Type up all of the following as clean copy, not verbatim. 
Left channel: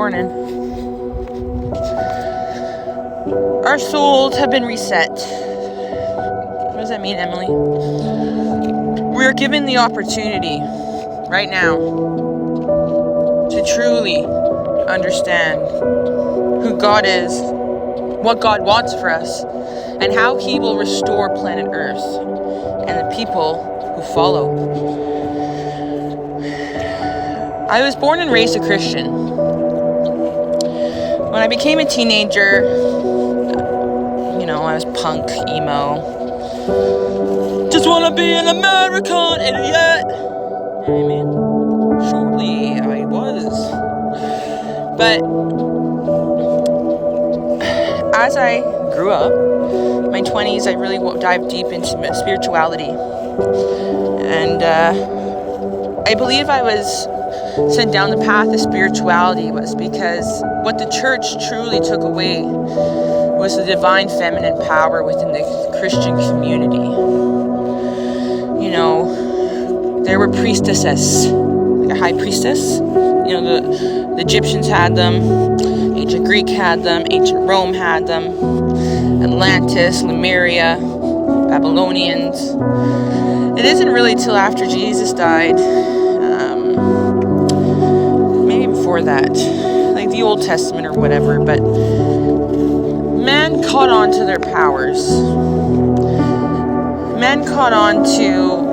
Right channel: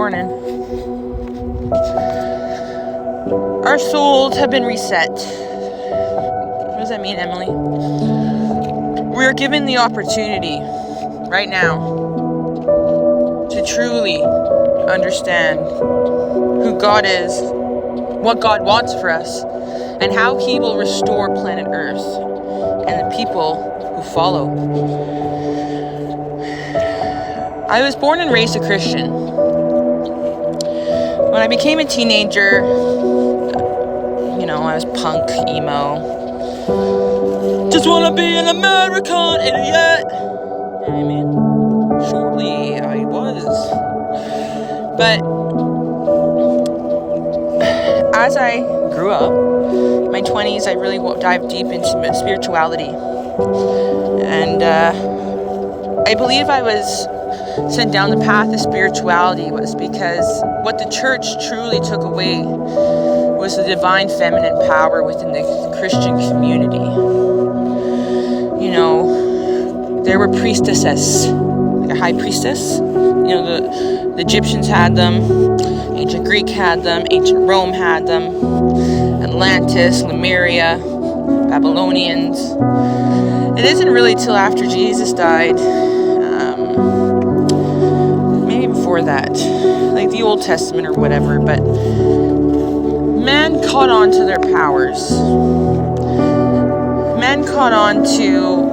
morning. Our souls have been reset. What does that mean, Emily? We're given the opportunity right now to truly understand who God is, what God wants for us, and how He will restore planet Earth and the people who follow. I was born and raised a Christian. When I became a teenager, I was punk, emo. Just wanna be an American idiot. You know what I mean? Surely I was. But as I grew up, my 20s, I really dived deep into spirituality. And I believe I was sent down the path of spirituality was because what the church truly took away was the divine feminine power within the Christian community. There were priestesses, like a high priestess. The Egyptians had them, ancient Greek had them, ancient Rome had them, Atlantis, Lemuria, Babylonians. It isn't really till after Jesus died, maybe before that, like the Old Testament or whatever, but men caught on to their powers. Men caught on to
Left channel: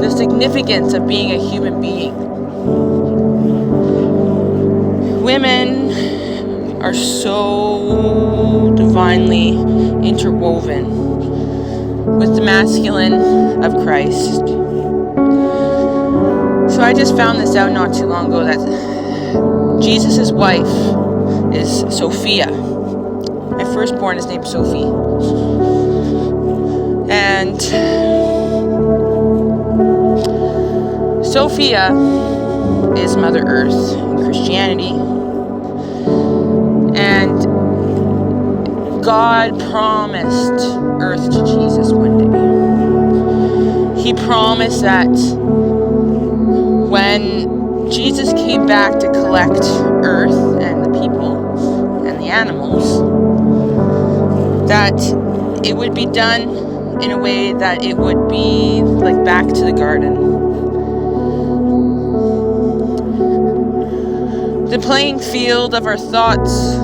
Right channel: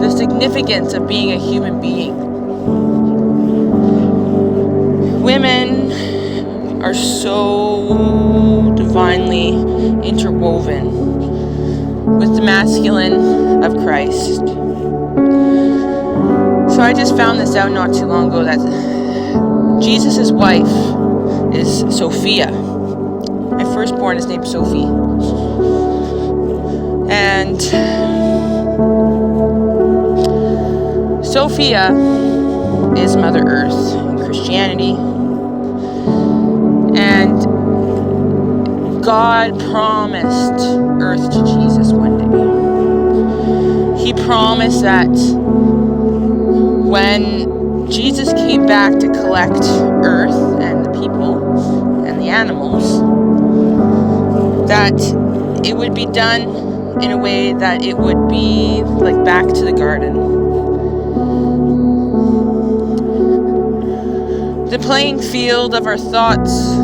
the significance of being a human being. Women are so divinely interwoven with the masculine of Christ. So I just found this out not too long ago that Jesus' wife is Sophia. My firstborn is named Sophie. And Sophia is Mother Earth in Christianity. And God promised Earth to Jesus one day. He promised that when Jesus came back to collect Earth and the people and the animals, that it would be done in a way that it would be like back to the garden. The playing field of our thoughts,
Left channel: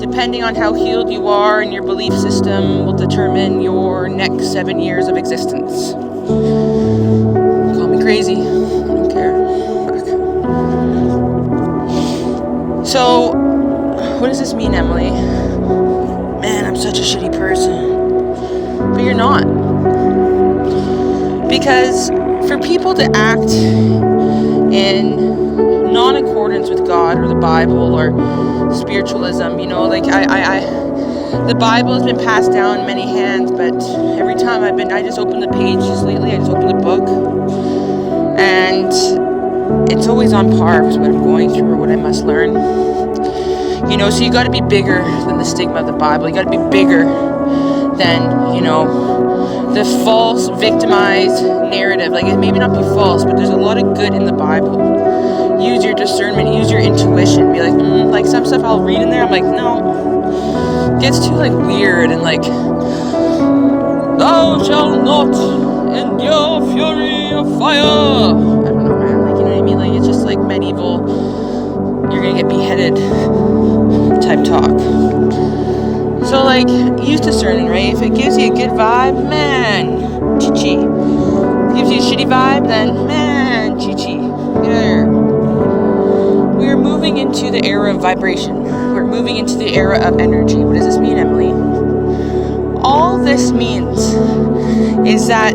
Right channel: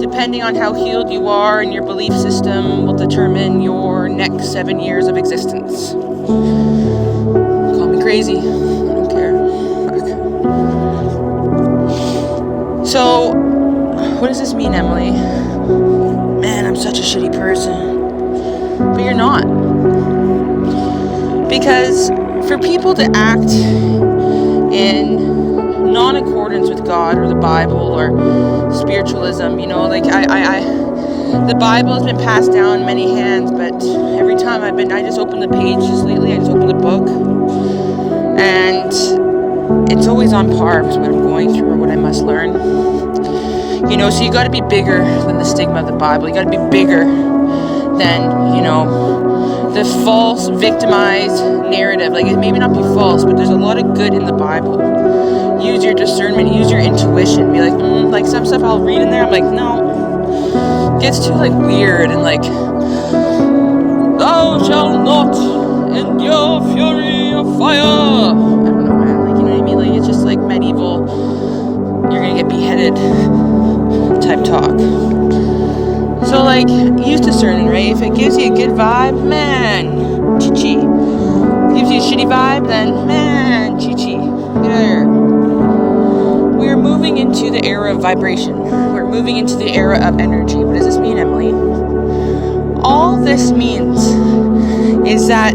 depending on how healed you are and your belief system, will determine your next 7 years of existence. Call me crazy, I don't care. Fuck. So, what does this mean, Emily? Man, I'm such a shitty person. But you're not. Because for people to act in non-accordance with God or the Bible or spiritualism, the Bible has been passed down in many hands, but every time I just opened the pages lately, I just opened the book, and it's always on par with what I'm going through or what I must learn. So you gotta be bigger than the stigma of the Bible. You gotta be bigger than, the false, victimized narrative. Like, it may not be false, but there's a lot of good in the Bible. Use your discernment, use your intuition. Be like some stuff I'll read in there, I'm like, no. It gets too, weird and thou shalt not endure fury of fire. I don't know, man. You know what I mean? It's just medieval, you're gonna get beheaded type talk. So, use discernment, right? If it gives you a good vibe, man, chi-chi. If it gives you a shitty vibe, then, man, chi-chi. There. We are moving into the era of vibration. We're moving into the era of energy. What does this mean, Emily? All this means is that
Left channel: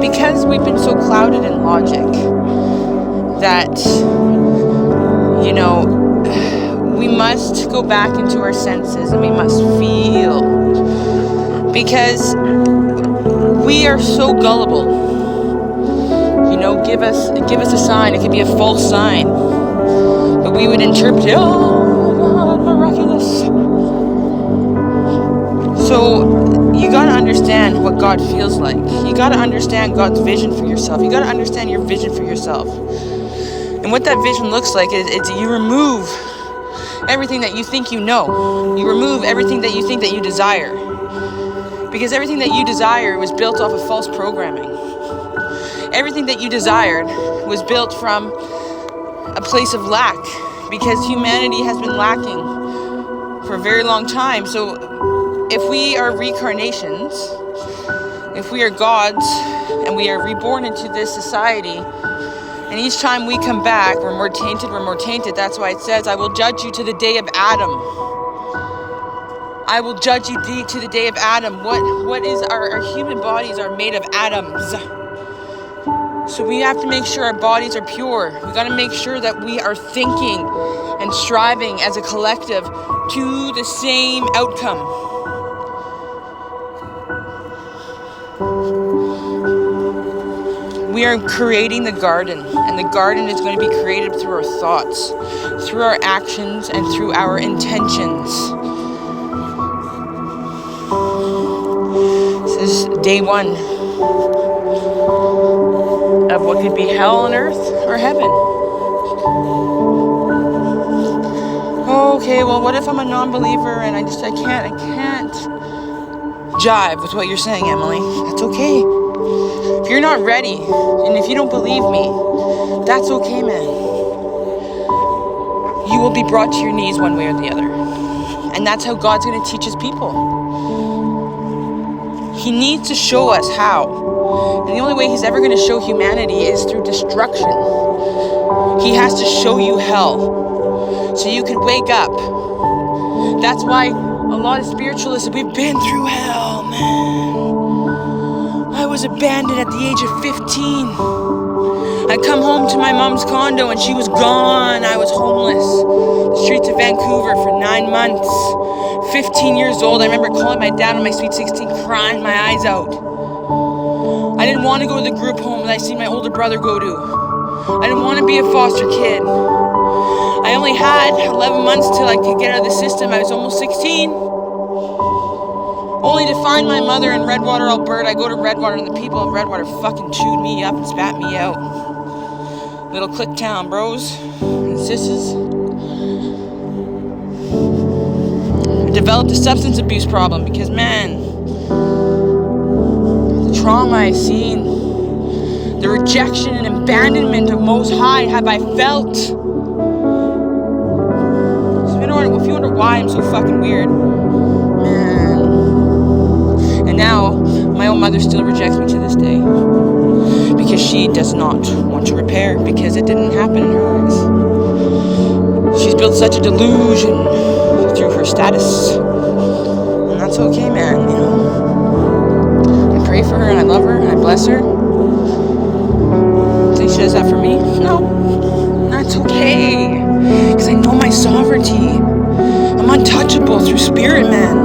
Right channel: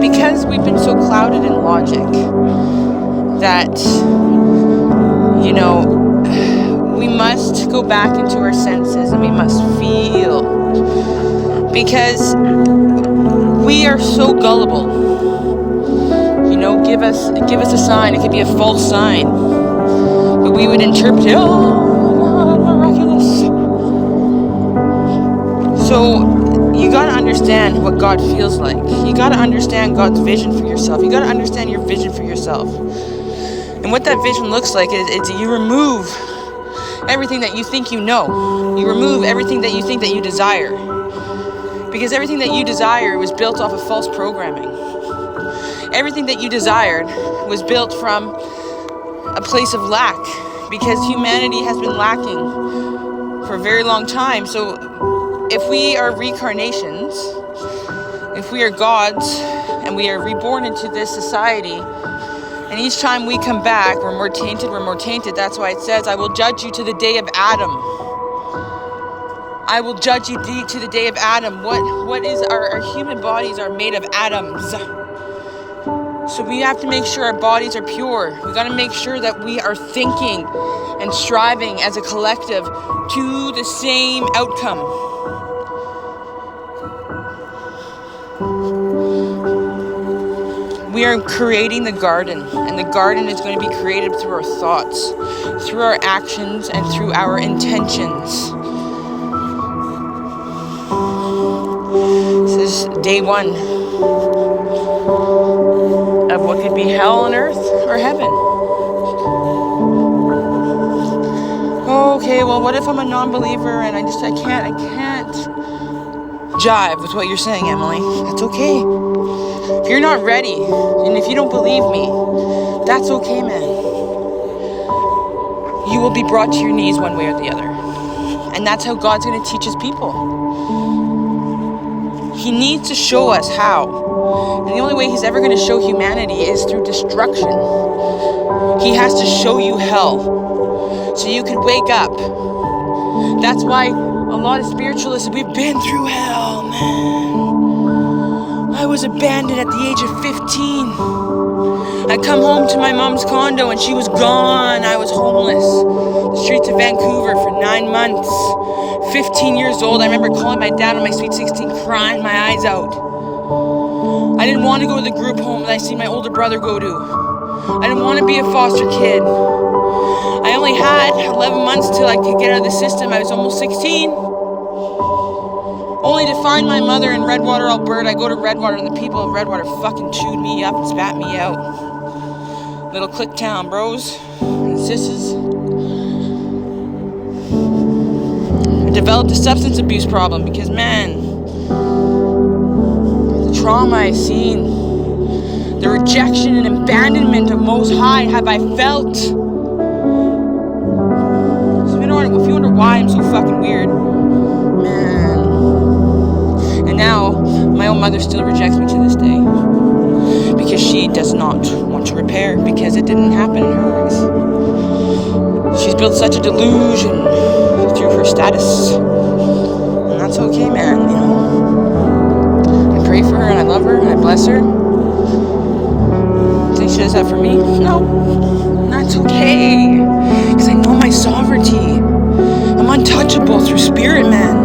because we've been so clouded in logic that, we must go back into our senses and we must feel, because we are so gullible. Give us a sign. It could be a false sign, but we would interpret it, oh my God, miraculous. So you got to understand what God feels like. You got to understand God's vision for yourself. You got to understand your vision for yourself. And what that vision looks like is you remove everything that you think you know. You remove everything that you think that you desire. Because everything that you desire was built off of false programming. Everything that you desired was built from a place of lack. Because humanity has been lacking for a very long time. So if we are reincarnations, if we are gods, and we are reborn into this society, and each time we come back, we're more tainted. That's why it says, I will judge you to the day of Adam. I will judge you to the day of Adam. What is our human bodies are made of atoms. So we have to make sure our bodies are pure. We got to make sure that we are thinking and striving as a collective to the same outcome. We are creating the garden, and the garden is going to be created through our thoughts, through our actions, and through our intentions. This is day 1 of what could be hell on earth or heaven. Okay, well, what if I'm a non-believer and I can't jive with what you're saying, Emily? That's okay. If you're not ready, and if you don't believe me, that's okay, man. You will be brought to your knees one way or the other. And that's how God's going to teach his people. He needs to show us how. And the only way he's ever going to show humanity is through destruction. He has to show you hell so you could wake up. That's why a lot of spiritualists, we've been through hell, man. I was abandoned at the age of 15. I come home to my mom's condo and she was gone. I was homeless. The streets of Vancouver for 9 months. 15 years old. I remember calling my dad on my sweet 16, crying my eyes out. I didn't want to go to the group home that I seen my older brother go to. I didn't want to be a foster kid. I only had 11 months till I could get out of the system. I was almost 16. Only to find my mother in Redwater, Alberta. I go to Redwater and the people of Redwater fucking chewed me up and spat me out. Little click town, bros and sisses. I developed a substance abuse problem because, man, the trauma I've seen, the rejection and abandonment of Most High have I felt. If you wonder why I'm so fucking weird, man. And now, my own mother still rejects me to this day. Because she does not want to repair. Because it didn't happen in her eyes. She's built such a delusion through her status. And that's okay, man, you know. I pray for her and I love her and I bless her. Think she does that for me? No. That's okay. Because I know my sovereignty. I'm untouchable through spirit, man.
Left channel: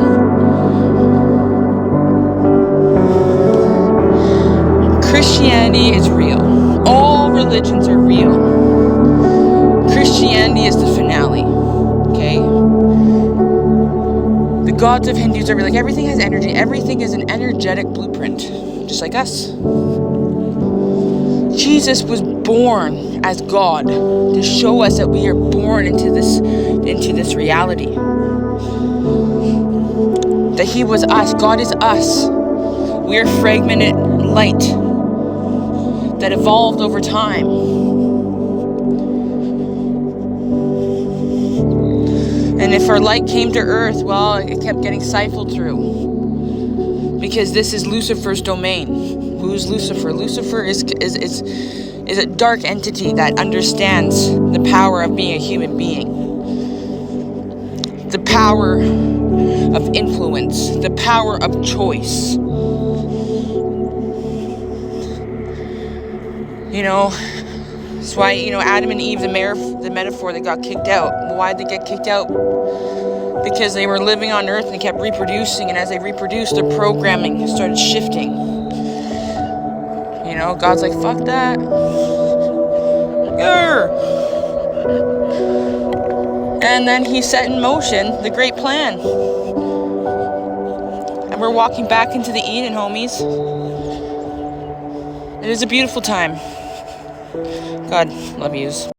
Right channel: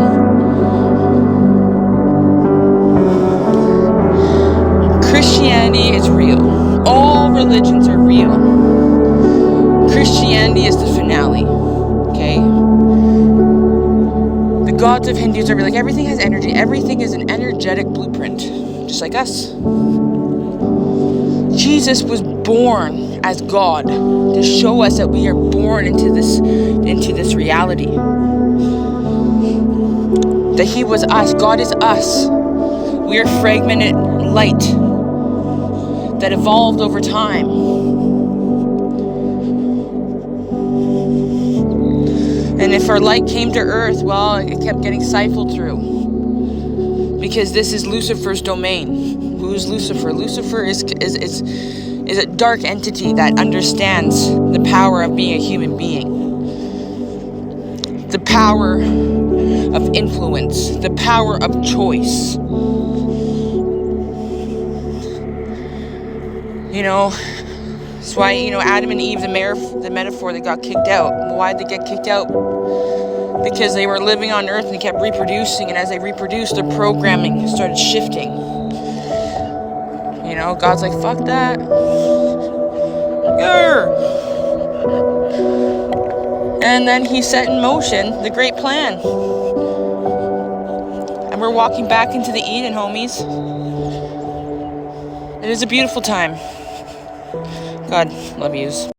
Christianity is real. All religions are real. Christianity is the finale. Okay? The gods of Hindus are real. Like, everything has energy. Everything is an energetic blueprint. Just like us. Jesus was born as God to show us that we are born into this reality. That he was us. God is us. We are fragmented light that evolved over time. And if our light came to earth, well, it kept getting siphoned through. Because this is Lucifer's domain. Who's Lucifer? Lucifer is a dark entity that understands the power of being a human being. The power of influence. The power of choice. You know, that's why, you know, Adam and Eve, the metaphor, they got kicked out. Why did they get kicked out? Because they were living on earth and they kept reproducing, and as they reproduced, their programming started shifting. You know, God's like, fuck that. Grr. And then he set in motion the great plan. And we're walking back into the Eden, homies. It is a beautiful time. God, love yous.